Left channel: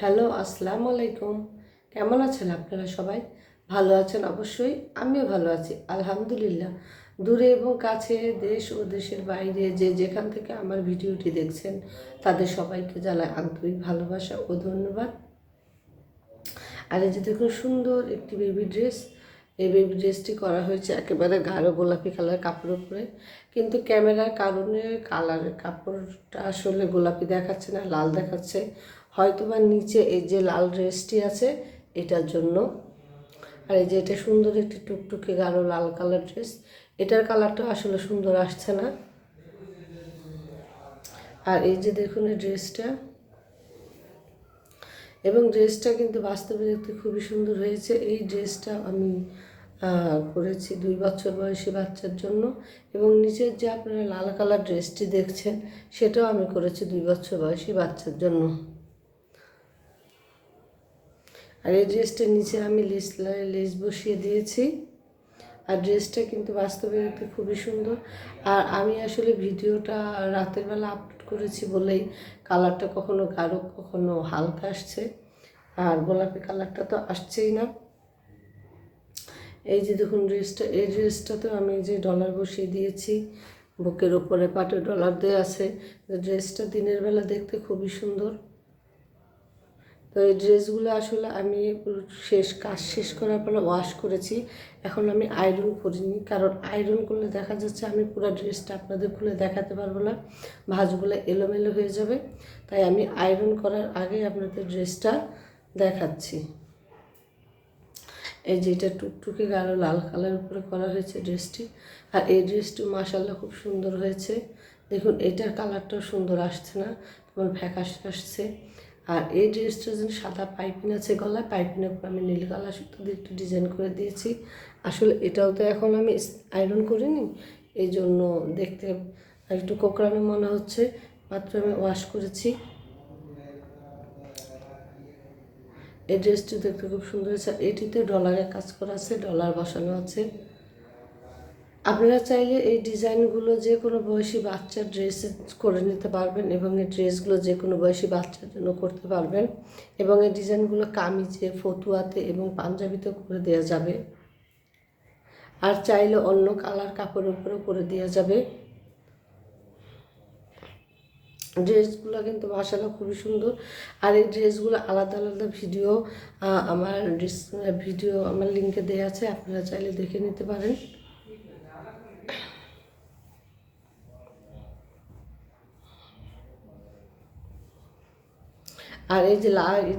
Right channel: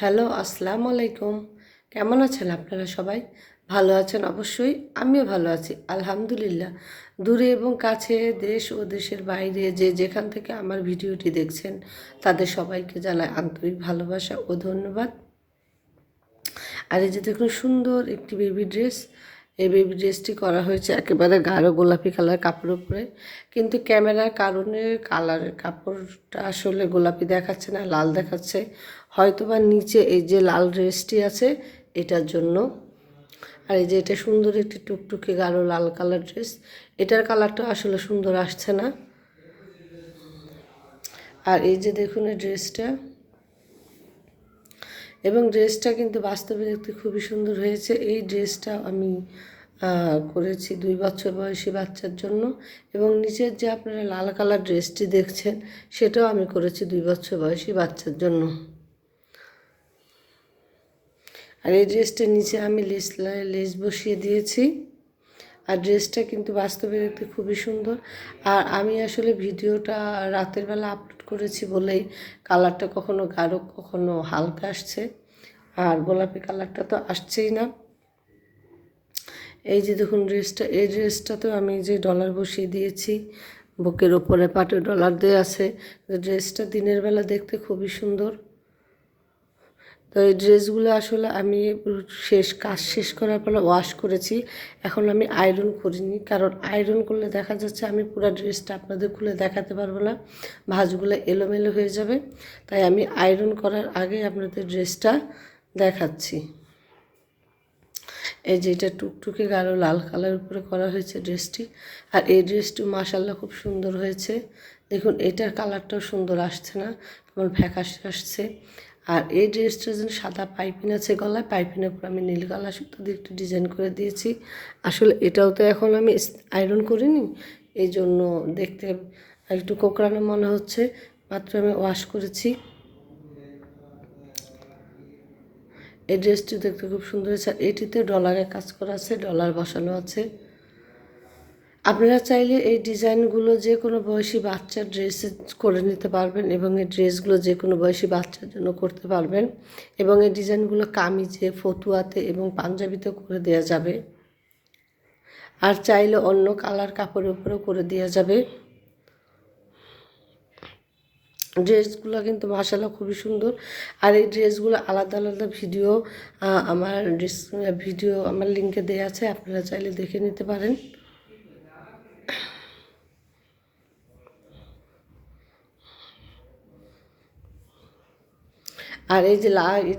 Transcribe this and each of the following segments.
Hello, আসসালামু আলাইকুম। কেমন আছেন আপনারা সবাই? ভালো আছেন অবশ্যই। আমিও ভালো আছি আলহামদুলিল্লাহ। দূরে এবং কাছে, দেশ ও দেশের বাইরে যে যেখান থেকে আমার ভিডিওটি দেখছেন তাদের সবাইকে জানাই আন্তরিক ভালোবাসা ও ধন্যবাদ। আর এই যে দেখুন সুন্দর একটি বেবি ড্রেস। এই বেবি ড্রেসটি করা হয়েছে একেবারে গাঢ় গোলাপি কালার কাপড়ের উপরে, কিন্তু ক্যামেরার কারণে কালারের কাপড়টা আসলে গোলাপি দেখাচ্ছে না, লাল দেখাচ্ছে। হয়তোবা নিচে এই যে লাল ড্রেসটি আছে এটার জন্য। আর এই যে এটা সুন্দর একটি টুকটুকে গাঢ় লাল কালার ড্রেস, এটার কালারটা আসলে সুন্দর আসছে না। আর এই যে দেখুন এই ড্রেসটা, এবং ড্রেসটা কিন্তু বাস্তবে দেখতে খুবই সুন্দর হয়েছে। এই ড্রেসটা আমি করেছি 2 বছর বয়সী বাচ্চার জন্য, এবং নিচের যে আপনারা লাল কালার ড্রেসটি দেখছেন সেটাও আমি করেছি 2 বছর বয়সী বাচ্চার জন্য। আর এই ড্রেসটার নিচে আমি লেস বসিয়ে দিয়েছি। আর ড্রেসটা কিন্তু বাস্তবে দেখতে খুবই সুন্দর। আর আমি আসলে ভিডিওটা রাতের বেলা আপলোড করেছি বলেই কালারটা কখনো গাঢ় কখনো হালকা আসছে, আর গোলাপি কালারটা তো আসছেই না। এই যে দেখুন ড্রেসটা, এই ড্রেসটাতেও আমি যে ডলার বসিয়ে দিয়েছি, বুকের ওপরে পাটে ডলার দেওয়া আছে। ড্রেসটা দিনের বেলা দেখতে খুবই সুন্দর। তো এই ড্রেসগুলো আসলে আমি কাজ শেষ করার পর ওয়াশ করেছি। এখন আমি আয়রন করিনি, কারণ আয়রন করলে দেখা যাচ্ছে আমি পুরো ড্রেসটা আপনাদের খুলে দেখাতে পারবো না, ভাঁজগুলো এলোমেলো হয়ে যাবে। তাই আমি আয়রন করার আগে আপনাদের ড্রেসটা দেখাচ্ছি। এই যে এটা টুকটুকে গাঢ় লাল কালার উপরে করা হয়েছে ড্রেসটি। আর এই ড্রেসটি মাশাআল্লাহ খুব সুন্দর হয়েছে। দেখুন এটার কালারটাও সুন্দর আসছে না, কেমন ফ্যাকাশে আসছে। আর এই ড্রেসটার জন্য সাদা পাইপিং আছে গলায়, পাইপিনের উপর আমি নীল কালার সুতো দিয়ে একটু ডিজাইন করে দিয়েছি। আসলে এটাও তো এখন আমি আয়রন করিনি, এই জন্য দেখতে একটু কোঁকড়ানো মনে হচ্ছে। মাত্র আমি ওয়াশ করেছি। এই ড্রেসটি দেখতে খুব সুন্দর হয়েছে। আর এটিতে ডলারের কাজ করা আছে, ডলার বসানো আছে। আপনারা চাইলে এই ডিজাইনগুলো যে কোনো বয়সী বাচ্চার ড্রেসে করে নিতে পারবেন, এবং এই ড্রেসগুলো যে কোনো বয়সী বাচ্চার জন্য করতে পারবেন। এবং এই ডিজাইনগুলো কামিজে, ফতুয়াতে এবং পাঞ্জাবিতে করে দেওয়া যাবে। আর চাইলে অন্য কালার কাপড়ের উপরেও করে দেওয়া যাবে। ড্রেসগুলো কিন্তু মাশাআল্লাহ খুবই সুন্দর। আর এই ড্রেসগুলো আলাদা আলাদা ভিডিও আমার লিঙ্কে দেওয়া আছে, আপনারা চাইলে দেখে নিতে পারেন। আর এই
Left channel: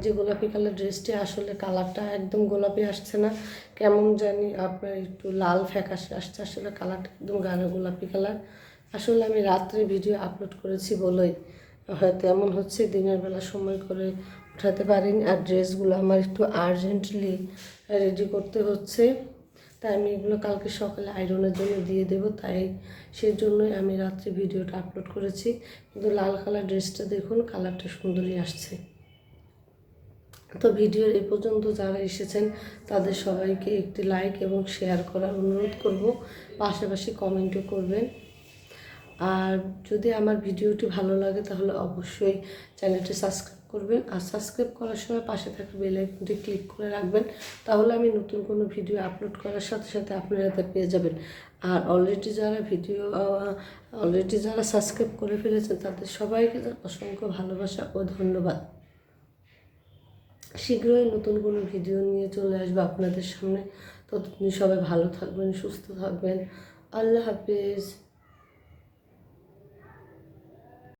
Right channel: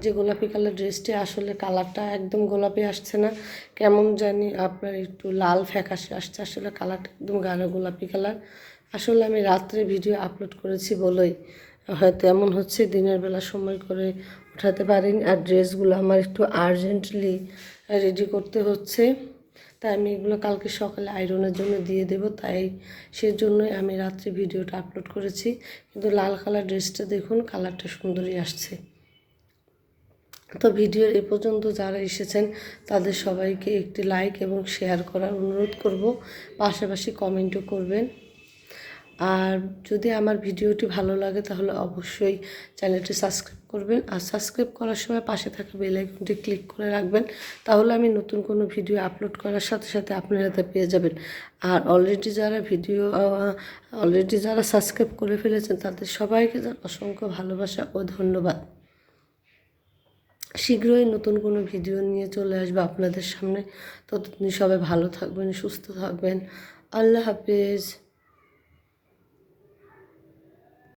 যে গোলাপি কালার ড্রেসটি, আসলে কালারটা একদম গোলাপি আসছে না, কেমন জানি আপনার একটু লাল ফ্যাকাশে আসছে। আসলে কালারটা একদম গাঢ় গোলাপি কালার। আসলে আমি রাত্রে ভিডিও আপলোড করেছি বলেই হয়তো এমন হচ্ছে, দিনের বেলা সময় করে উঠাতে পারিনি। আর ড্রেসগুলো আমার একটু আর্জেন্টলি রেডি করতে হচ্ছে, তাই আমি এগুলো কালকে সকালে আয়রনের জন্য দিয়ে দেবো, তাই সেজন্যই আমি রাত্রে ভিডিওটা আপলোড করেছি। কিন্তু লাল কালার ড্রেসটা দেখুন, কালারটা সুন্দরই আসছে। তো ভিডিওর এ পর্যন্ত যারা এসেছেন তাদের সবাইকে একটি লাইক এবং শেয়ার করার অনুরোধ করব, পাশাপাশি কমেন্টও করবেন। আর যদি আমার ভিডিওটি ভালো লাগে তাহলে অবশ্যই চ্যানেলটি সাবস্ক্রাইব করবেন। আর সাবস্ক্রাইব করার সময় পাশে থাকা বেল আইকনটি ক্লিক করে রাখবেন, তাহলে আমি নতুন কোনো ভিডিও আপলোড করার সাথে সাথে আপনারা তা পেয়ে যাবেন। আর অলরেডি যারা সাবস্ক্রাইব করে ফেলেছেন তাদের সবাইকে অসংখ্য ভালোবাসা ও ধন্যবাদ। শীঘ্রই নতুন কোনো ভিডিও নিয়ে চলে আসবো আপনাদের সামনে। ততদিন সবাই ভালো থাকবেন, সুস্থ থাকবেন। আল্লাহ হাফেজ।